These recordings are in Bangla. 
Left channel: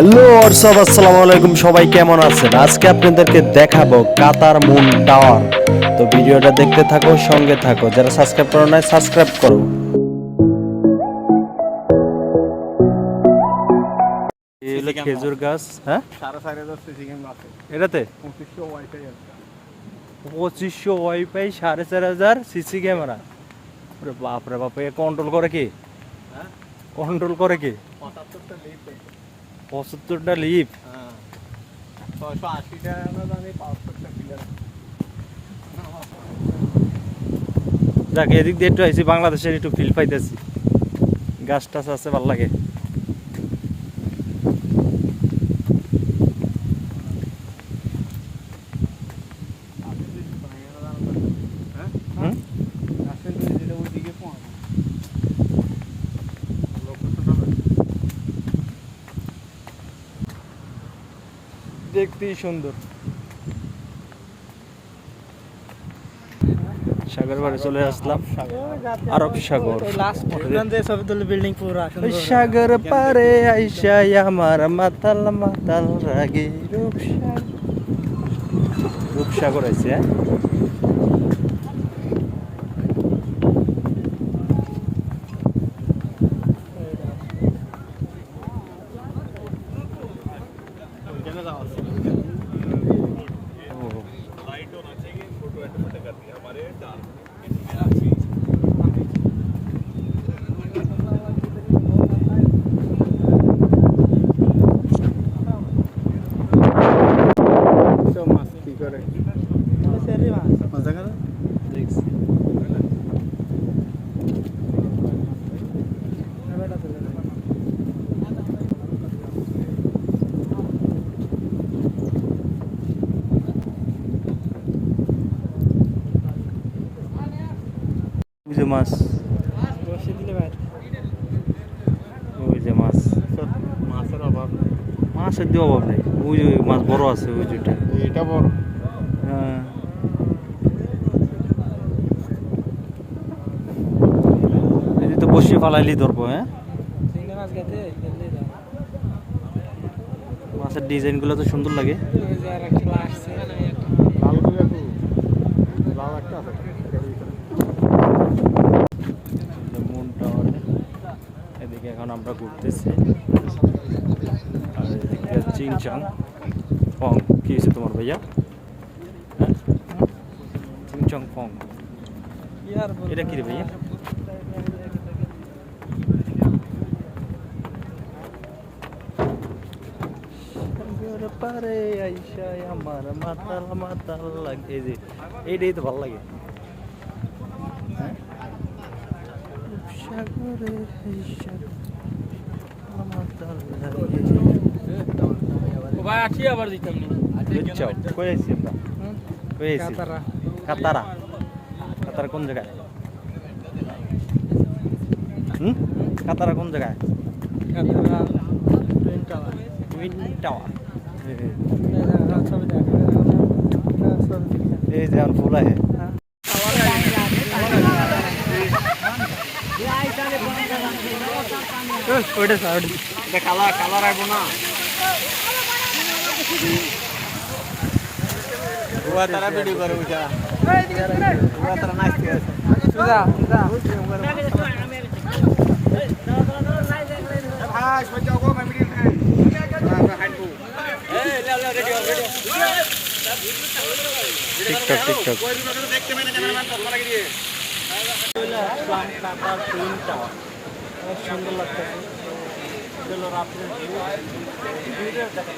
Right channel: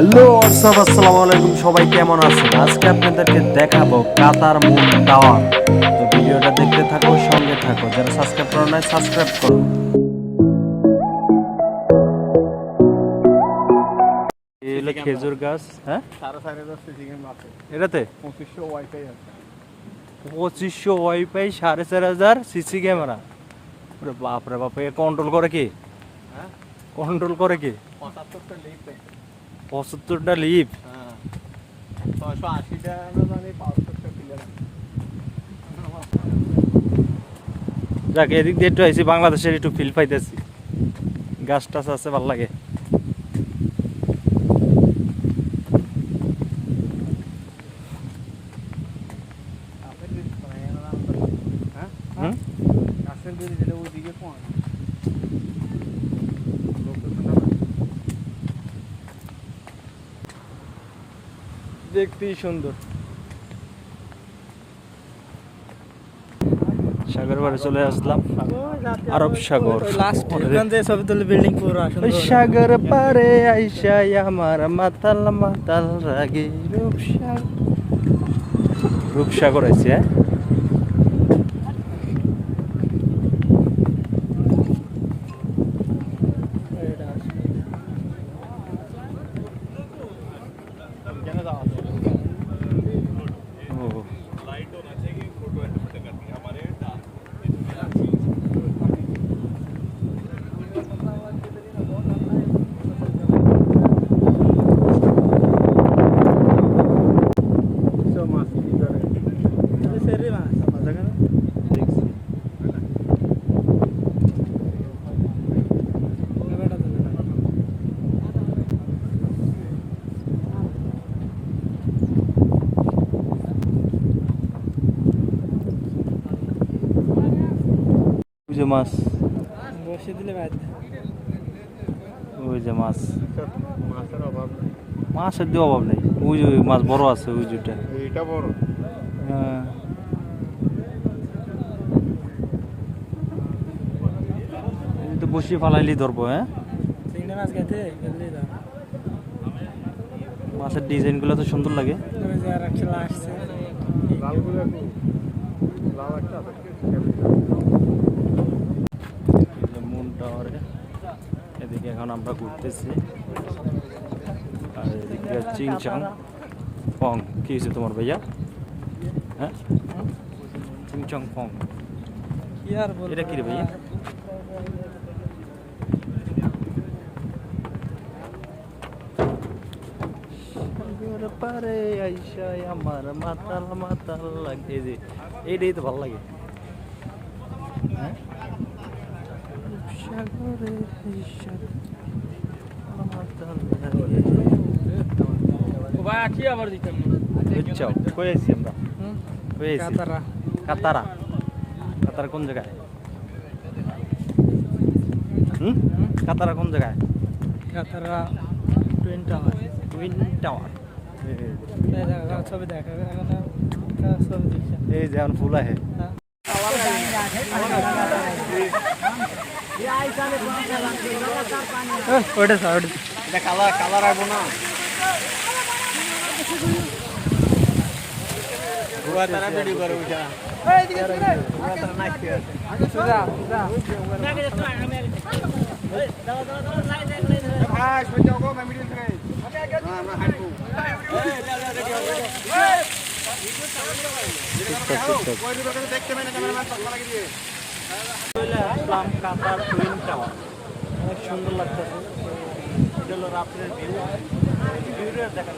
হ্যালো অর্ষাদ আসসালামু আলাইকুম সবাই কেমন আছেন? আজকে আপনাদেরকে দেখাবো কাতার মুন টাওয়ার। তো ভিডিওটা দেখতে থাকো সঙ্গে থাকো। যারা সাবস্ক্রাইব করো না সাবস্ক্রাইব করো। এই হলো খেজুর গাছ হ্যাঁ? এটাতে? পঁচিশশো ওয়াইফাই আছে পঁচিশশো ওয়াইফাই সাড়ে চার হাজার সিসি ক্যামেরা। ওরে বাপ রে বাপ এ কন্ট্রোল করে কি? কন্ট্রোল করে কি? পঁচাত্তরটা লিপ ছয়শো আশিটা আমরা জানি পাঁচশোটা ক্লিয়ার যাক, এদিক দিয়ে একটু আইসি বাংলাদেশের একটু ফিল পাইতেছি। গাছ টাছ আছে, ভালো লাগে। দেখতেই সুন্দর। সাগর বাড়ি চলে আসলাম। আরব সাগর। পুরো সাগর পারে আইসা আমার মাতাল মাতাল রাগে রূপসাগর রূপসাগর আছে হ্যাঁ? মাছ। বসে দিলে ওই যে মাছ। মাছের দিয়ে অভাব নেই। ওই যে মাছ বড় আছে ওই যেটা এটা বড়। হ্যাঁ। এই তো বসি ফালাইলি ধরবো হ্যাঁ? মাছের ডিজাইনগুলো তো সুন্দর লাগে আর একটা আসছে লাল করে লাল একটা মুন টাওয়ারে এদিকে এখন আমরা ঘুরতেছি। আর এদিকে চিংচাং। পং কি হয়েছে তোমার ভাইয়া? হ্যাঁ? চিংচং পং। এটা কি রে ভাইয়া? পারে আইসাই আমার মাতাল মাতাল লাগে। এই যে এইটাই তো ভালো লাগে। হ্যাঁ? সাগরে মাতাল লাগে ভাই আছি আবার দিতাম বুঝছাও কই আইছি আমরা? কই আইছি? কাতারা। কাতারা। কোন জায়গায়? হুম? কাতারা কোন জায়গায়? টুইন টাওয়ার ছবি দেখা ছবি দেখছেন এই যেমন ফুল আছে ওইটা স্যার ওইটা। কালার কালার আসব না। পুরা তারা ভিডিও করে উঠা পুরা তারা নাচতে আছে ভাই শুনে যাও গো আমি ভিডিও খাই টিকটক টিকটক দেখতে মানে ক্যামেরাম্যান চশমা লাগিয়ে দিয়ে আসলাম কাতার টুইন টাওয়ার অনেক সুন্দর লাগতেছে। তো হলো রাত্রের ভিউ ভিউটা দেখা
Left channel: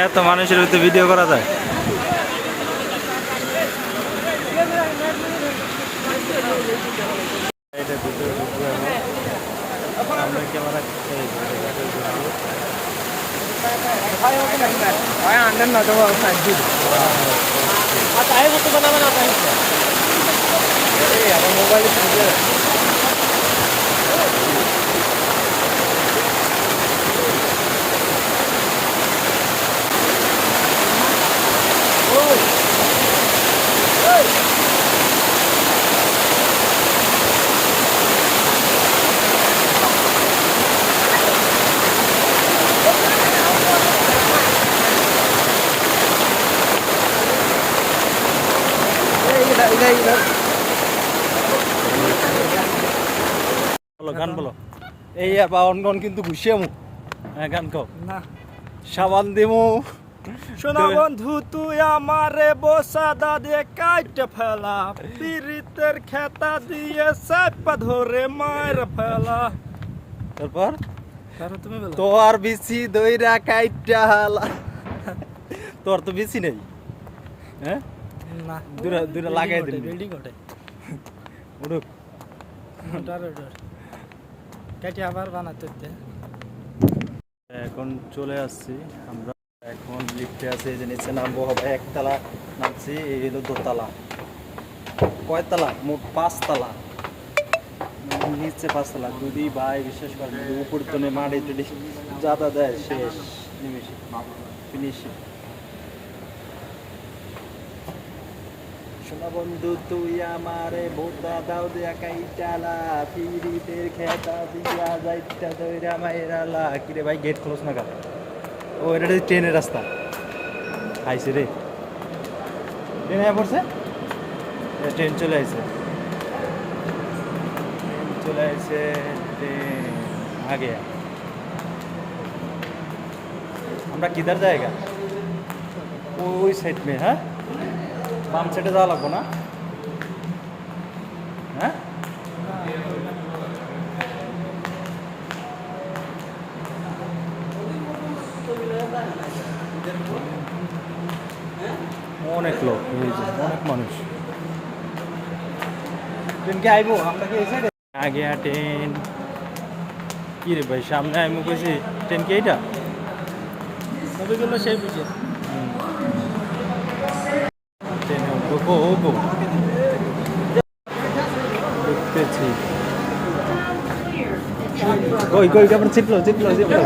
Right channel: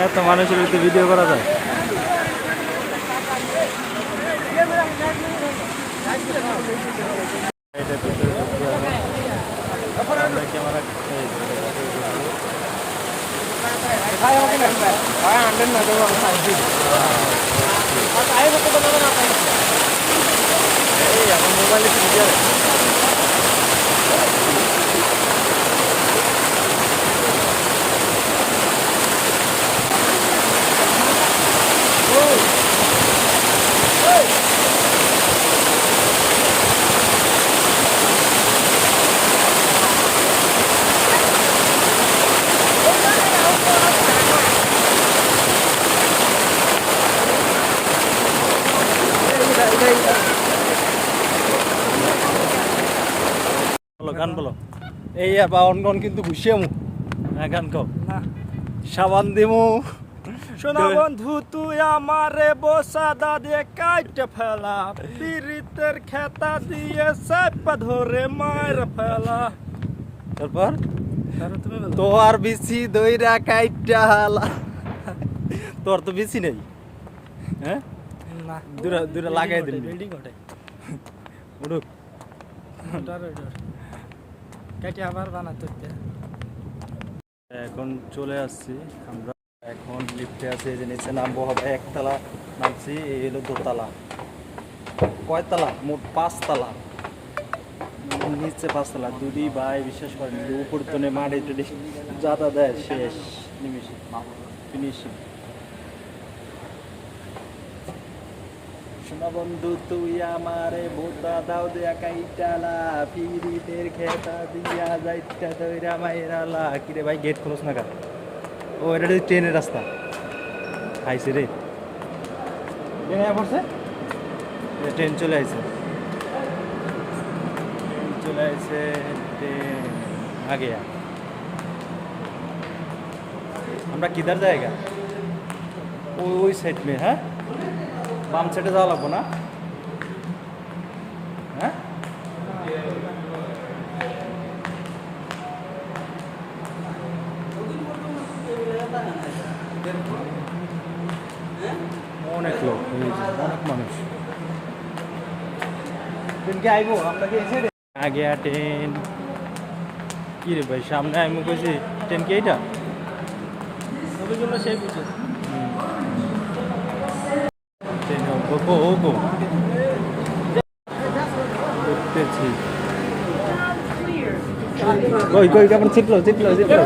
এত মানুষের ভিতরে ভিডিও করা যায়? আমার মোবাইলে বলো গান বলো। এই বাউন গন কিন্তু ঘুষিয়ে মু। হ্যাঁ গান কও। না। সাবান দিমু। শোনা বন্ধু তুই আমারে বসাদা দিয়ে কাইটে ফেলা। পিরিতের খেতা দিয়ে সাপা ধরে মার ফেলা। তারপর তোর বিসি দইরা কাইটা হালা। তোর তো বেশি নেই। হ্যাঁ? না। দূরে দূরে লাগাই দিন বিল্ডিং কেটে আবার বানাতে এখন চলে আসছি আমরা। এখন লিফটে আছি যে নিচে নামবো হবে, একতলা নামছি, এই হলো দোতলা। কয়তলা? মোট পাঁচতলা। নিচে পাঁচতলা দুদি ভাই বিশেষ করে উপর তো মাটি টুটি যাতা দেয়, শেষ নিমিশে ফিনিশিং শোনা বন্ধু, তুই আমারে ভোতা দাও দেয়া কাইটালা পিরিতের খেতা দিয়া যাইটা দইরা মাইরালা। কিরে ভাই গেট ক্লোজ না ও, এটা ট্রেনের রাস্তা। আইছে রে। ট্রেন পড়ছে? ট্রেন চলে আইছে। ট্রেন চলে আইছে, ট্রেন আগে আমরা কিধার জায়গা? ওই সাইড মে হ্যাঁ? বাম সাইডে যাওয়া লাগবো না? হ্যাঁ? অনেক লোক অনেক মানুষ। কি আইবো? আমরা কি এসে আগে আর ট্রেন। কি রে ভাই সামনে আমি কইছি ট্রেন কি এইটা? সেই বুঝে। ওপো ওগো। দেখতেছি। কই কই কেমন? চিটলো চিটলো চিটলো